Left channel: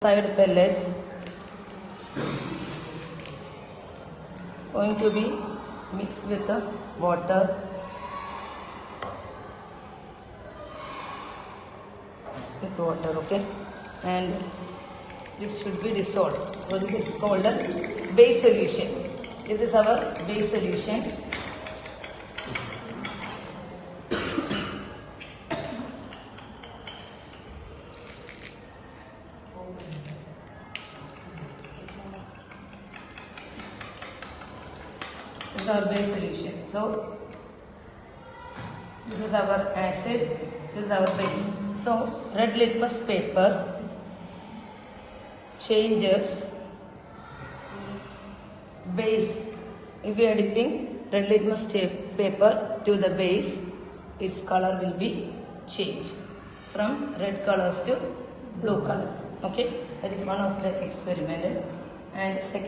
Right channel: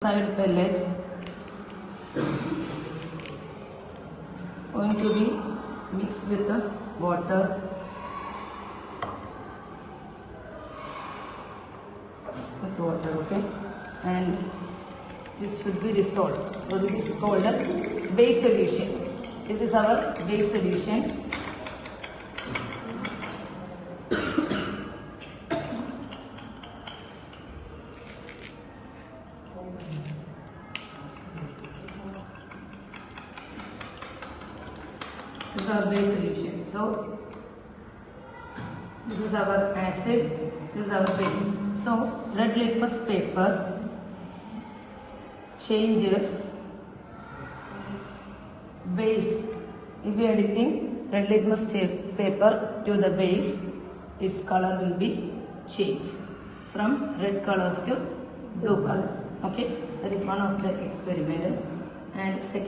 Side pellets going to be mixed with the water okay, and this should be dissolved. So this is called a base solution. This is our base solution. This is our base solution. So this is our acid, this is our base. So red litmus paper changes base. If we are dipping red litmus paper to the base, its color will be changed from red colors to blue color. Okay, that is one of the experiment. And second